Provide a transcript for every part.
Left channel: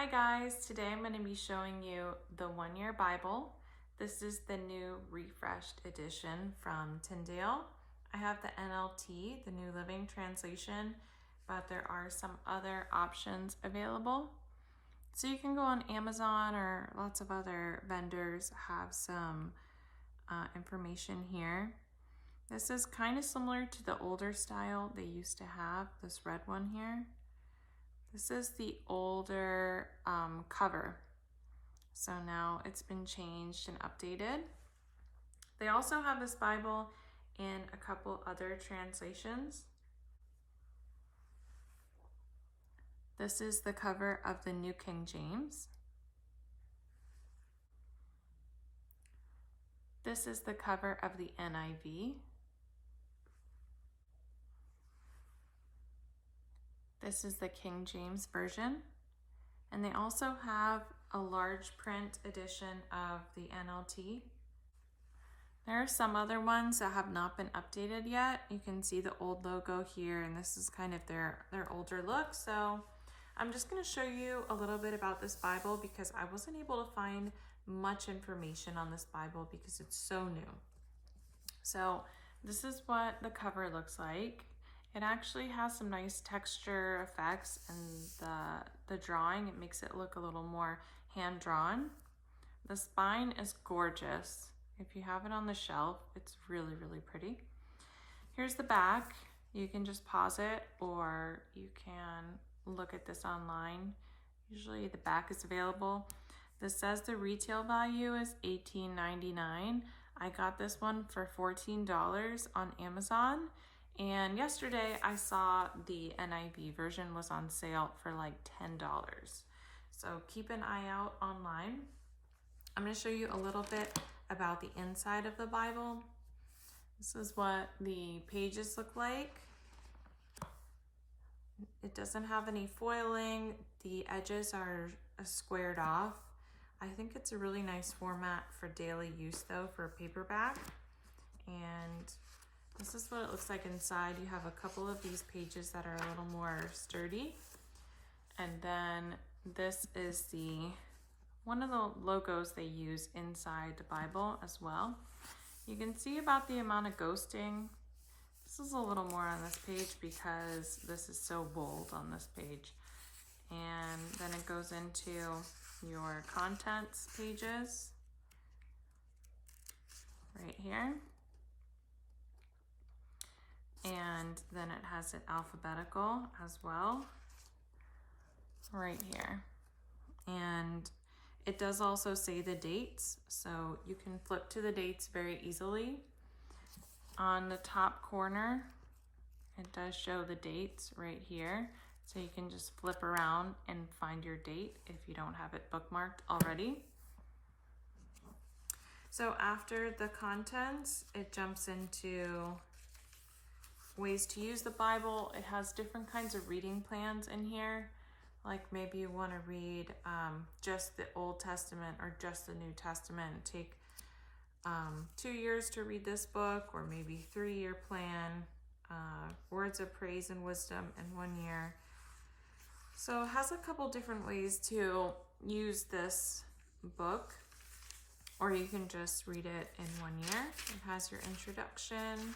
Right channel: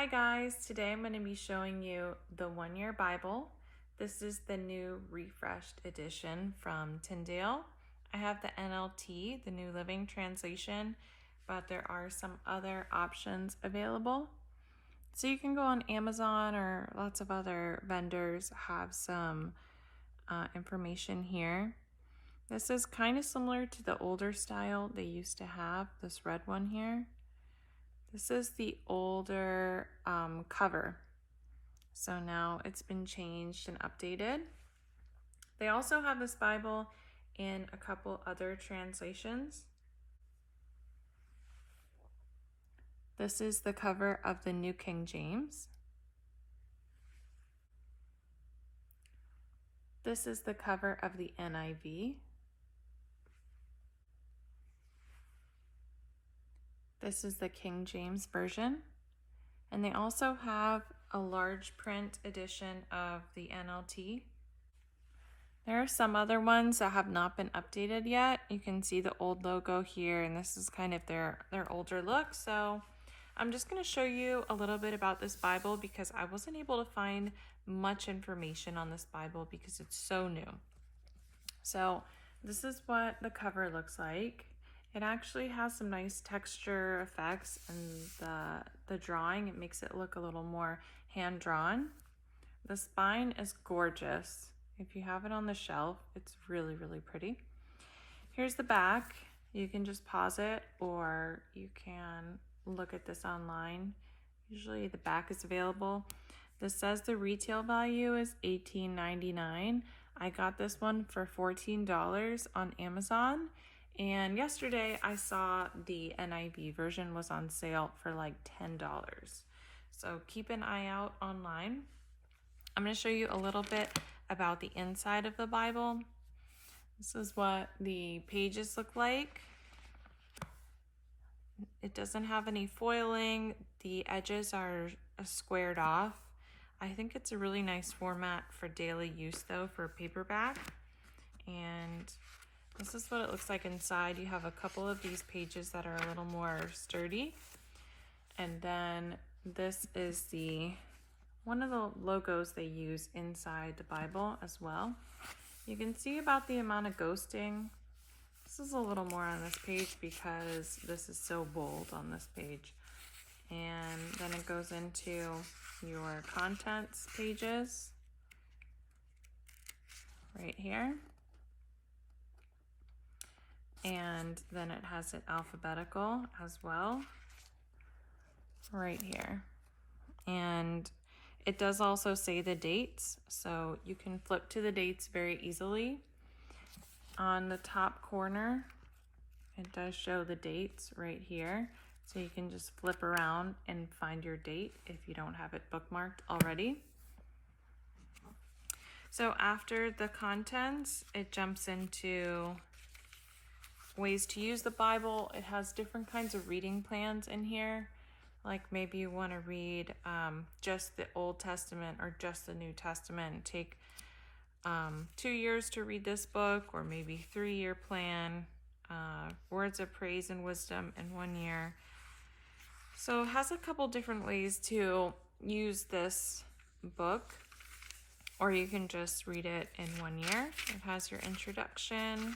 Hi guys, today I'm going to be showing you the one-year Bible. This is the new refreshed edition from Tyndale. I have the NLT, the New Living Translation, but there are some other options available. So you can go on Amazon or lots of other vendors have some information here. This is kind of similar to the older style they used to have, this red one here. This is the older cover. So now it's been changed and updated. They also have this Bible in a couple other translations. This is the cover of the New King James. This is the cover of the NIV. This is the King James Version. And they also have a large print edition of the NLT. There are some other ones that have not been updated yet. You can see the old logo here, and this is kind of their older look. So I'm just going to show you a little bit about this Bible because I wasn't able to find much information on this Bible because it's so new. So this is what the cover looks like. It actually has some nice texture effects, and the drawing, it makes it look a little more hand-drawn. The spine is gorgeous. If you have it on the shelf, it's really, really pretty. Here's the back. You can just pause it or you can look at this online. Usually the back is available. This says the retail value is $18.99. I got this one for $14 on Amazon. And yesterday I saw the NIV version was on sale for like $10. So keep an eye out online. I'm going to show you a little bit about the inside of the Bible. This is what the pages look like. It doesn't have any foiling. The edges are squared off. I think it's a really nice format for daily use though, for paperback. And this is what it looks like inside. You have a couple of these pages that are a little more sturdy. And then this is one of the logos they use inside the Bible as well. You can see about the amount of ghosting. This is a little more on this page because this is so bold on this page. And then it goes into your contents pages right here. And then it has it alphabetical as well right here. And it does also say the dates, so you can flip to the dates very easily. On the top corner, it does show the dates right here, so you can just flip around and find your date if you don't have it bookmarked already. So after the contents, it jumps into ways to use the Bible. It has different kinds of reading plans in here. Like maybe you want to read just the Old Testament or just the New Testament. Take 2 years to read this book, or maybe 3-year plan. Words of praise and wisdom in 1 year. So it has a couple different ways to use this book, or you can just read it in 1 year. It has your introduction,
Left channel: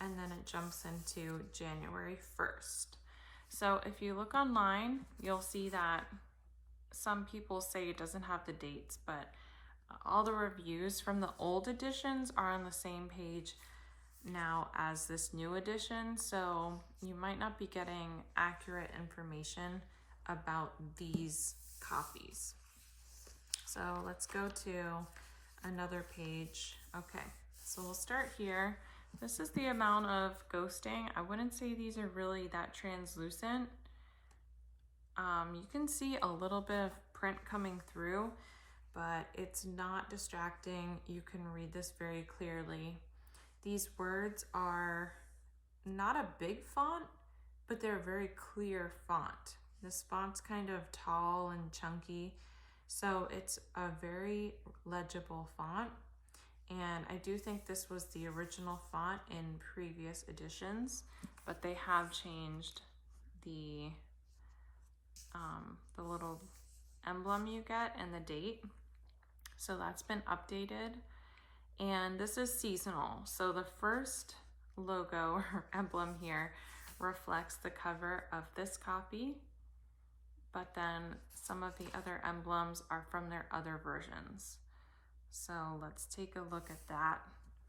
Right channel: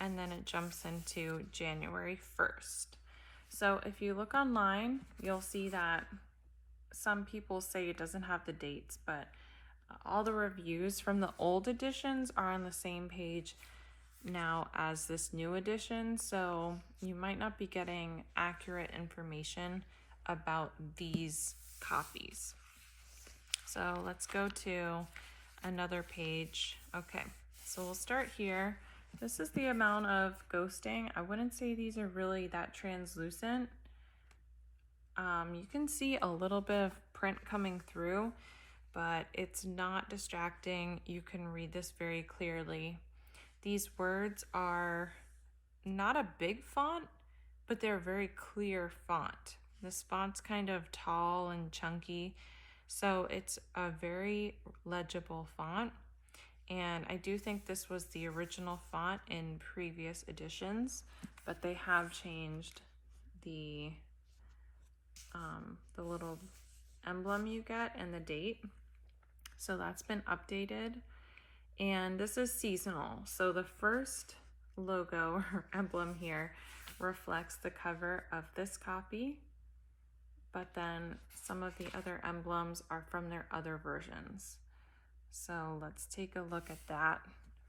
and then it jumps into January 1st. So if you look online, you'll see that some people say it doesn't have the dates, but all the reviews from the old editions are on the same page now as this new edition. So you might not be getting accurate information about these copies. So let's go to another page. Okay, so we'll start here. This is the amount of ghosting. I wouldn't say these are really that translucent. You can see a little bit of print coming through, but it's not distracting. You can read this very clearly. These words are not a big font, but they're a very clear font. This font's kind of tall and chunky, so it's a very legible font. And I do think this was the original font in previous editions, but they have changed the little emblem you get and the date. So that's been updated. And this is seasonal. So the first logo or emblem here reflects the cover of this copy, but then some of the other emblems are from their other versions. So let's take a look at that.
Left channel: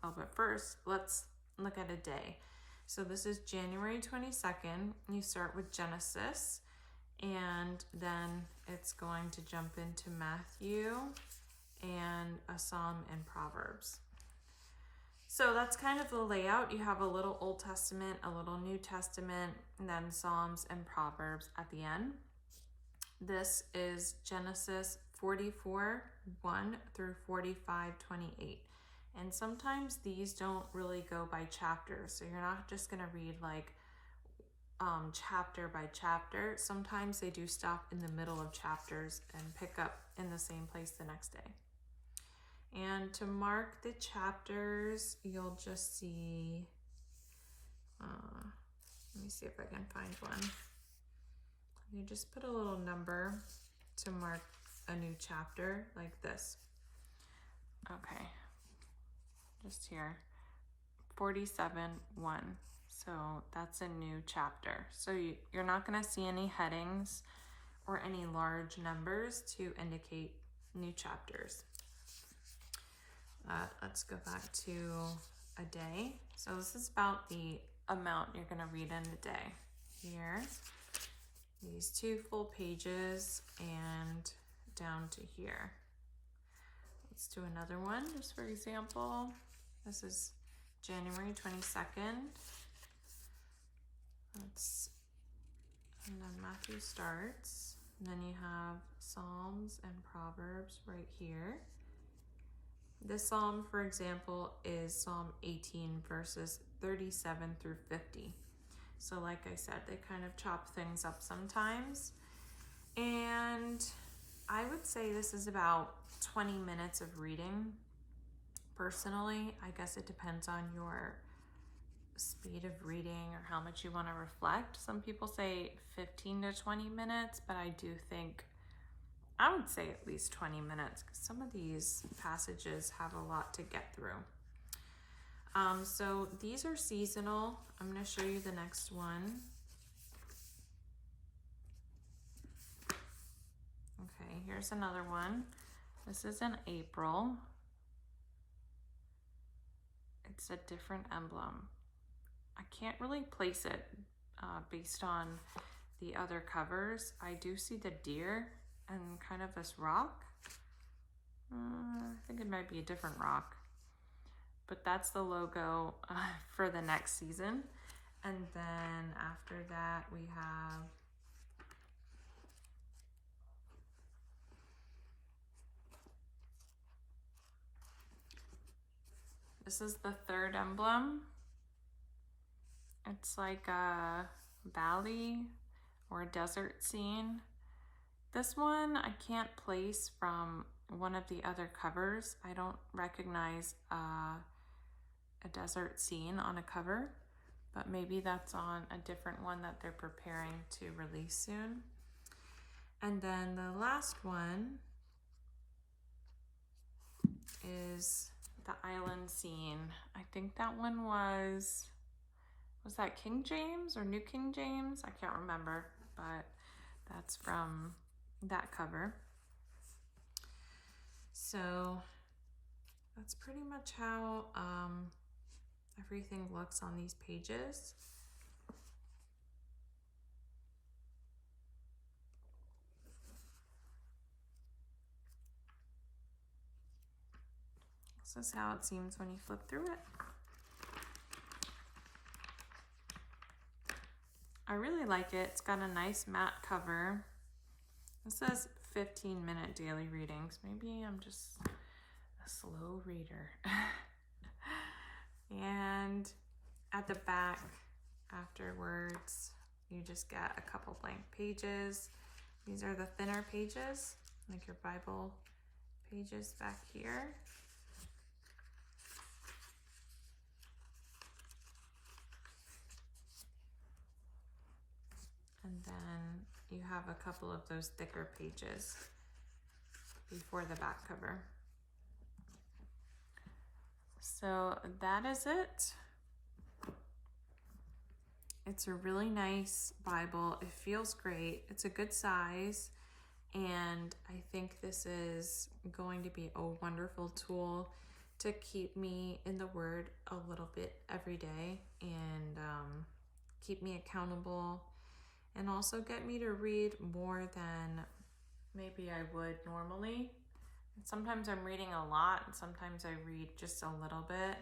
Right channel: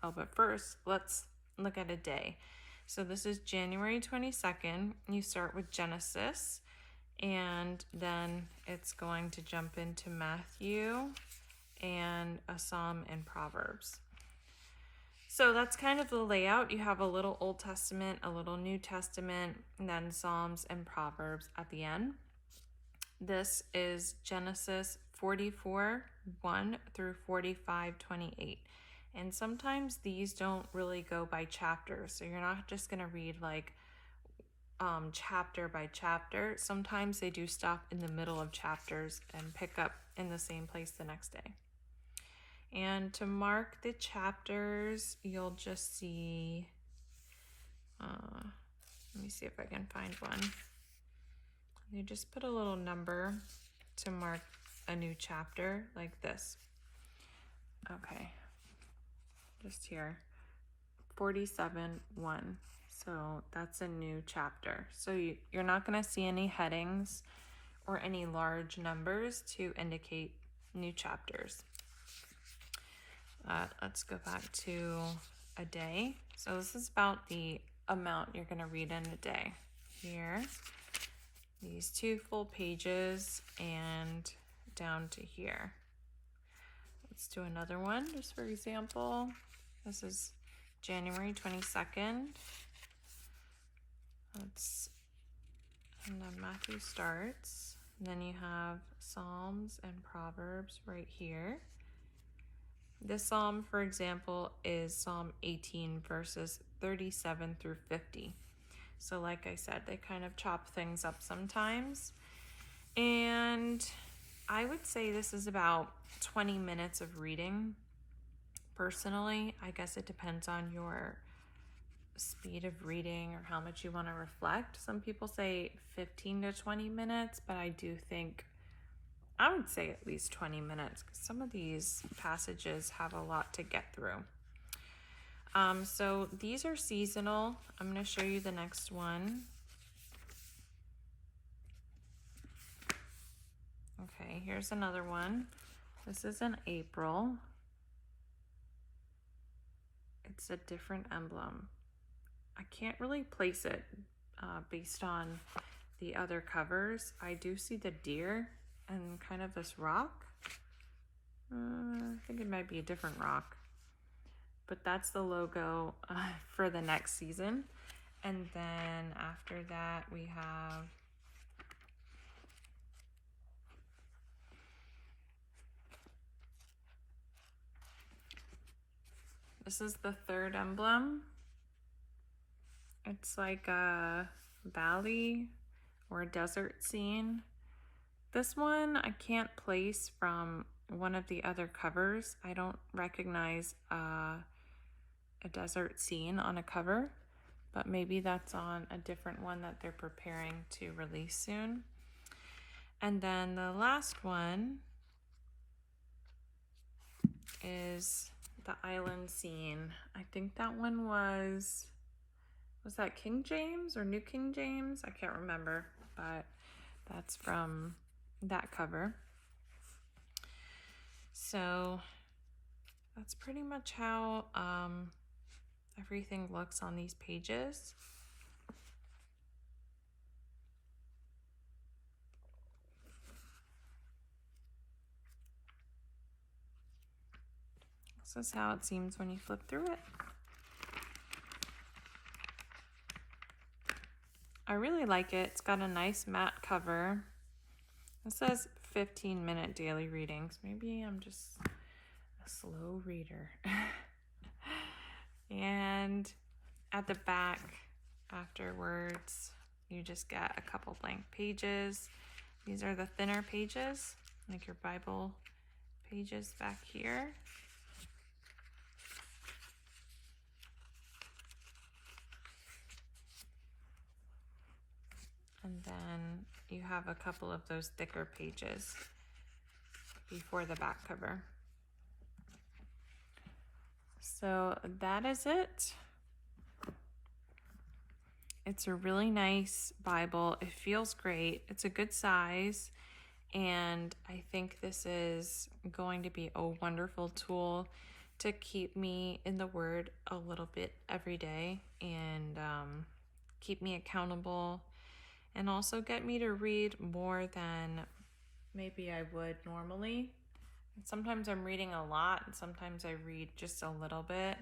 Oh, but first, let's look at a day. So this is January 22nd. You start with Genesis, and then it's going to jump into Matthew and a Psalm and Proverbs. So that's kind of the layout. You have a little Old Testament, a little New Testament, and then Psalms and Proverbs at the end. This is Genesis 44:1 through 45:28. And sometimes these don't really go by chapter. So you're not just going to read like chapter by chapter. Sometimes they do stop in the middle of chapters and pick up in the same place the next day. And to mark the chapters, you'll just see, let me see if I can find one. You just put a little number to mark a new chapter like this. Okay, just here, 47:1. So that's a new chapter. So you're not going to see any headings or any large numbers to indicate new chapters. Let's go back to a day. So this is about the amount you're going to read in a day. Here, these 2 full pages and down to here. Let's do another one just for example. This is January 22nd. And then Matthew starts. And then you have Psalms and Proverbs right here. This psalm, for example, is Psalm 18 verses 37 through 50. So like I said, they kind of chop things up sometimes. And I would say this is about 20 minutes of reading. Personally, I guess it depends on your speed of reading or how much you want to reflect. Some people say 15 to 20 minutes, but I do think I would say at least 20 minutes because some of these passages have a lot to get through. So these are seasonal. I'm going to show you the next one. Okay, here's another one. This is in April. It's a different emblem. I can't really place it based on the other covers. I do see the deer and kind of this rock. I think it might be a different rock. But that's the logo for the next season. And then after that we have this is the third emblem. It's like a valley or a desert scene. This one I can't place from one of the other covers. I don't recognize a desert scene on a cover, but maybe that's on a different one that they're preparing to release soon. And then the last one is the island scene. I think that one was that King James or New King James? I can't remember, but that's from that cover. So that's pretty much how everything looks on these pages. This is how it seems when you flip through it. I really like it. It's got a nice matte cover. It says 15-minute daily readings. Maybe I'm just a slow reader. And at the back, afterwards, you just get a couple blank pages. These are the thinner pages, like your Bible pages back here. And then you have a couple of those thicker pages before the back cover. So that is it. It's a really nice Bible. It feels great. It's a good size. And I think this is going to be a wonderful tool to keep me in the Word a little bit every day and keep me accountable, and also get me to read more than maybe I would normally. Sometimes I'm reading a lot, and sometimes I read just a little bit,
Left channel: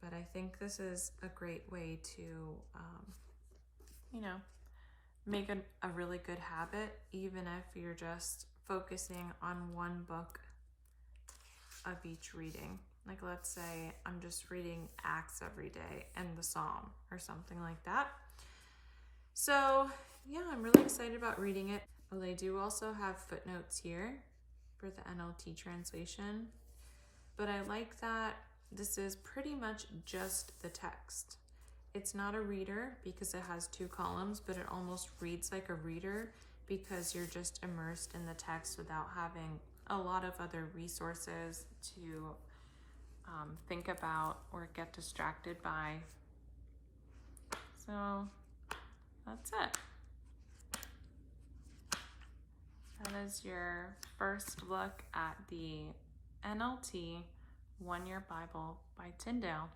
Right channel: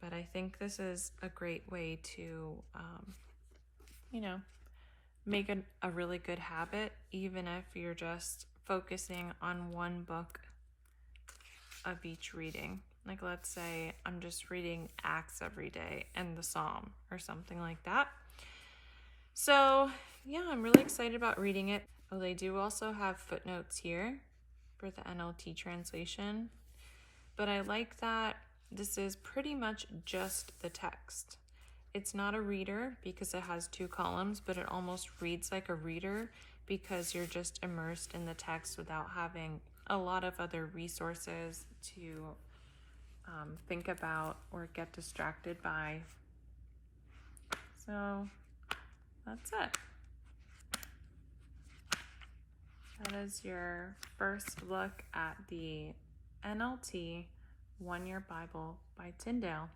but I think this is a great way to, make a really good habit, even if you're just focusing on one book of each reading. Like, let's say I'm just reading Acts every day and the Psalm or something like that. So yeah, I'm really excited about reading it. Oh, they do also have footnotes here for the NLT translation, but I like that this is pretty much just the text. It's not a reader because it has 2 columns, but it almost reads like a reader because you're just immersed in the text without having a lot of other resources to think about or get distracted by. So that's it. That is your first look at the NLT One Year Bible by Tyndale.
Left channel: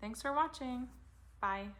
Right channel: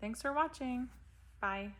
Thanks for watching. Bye.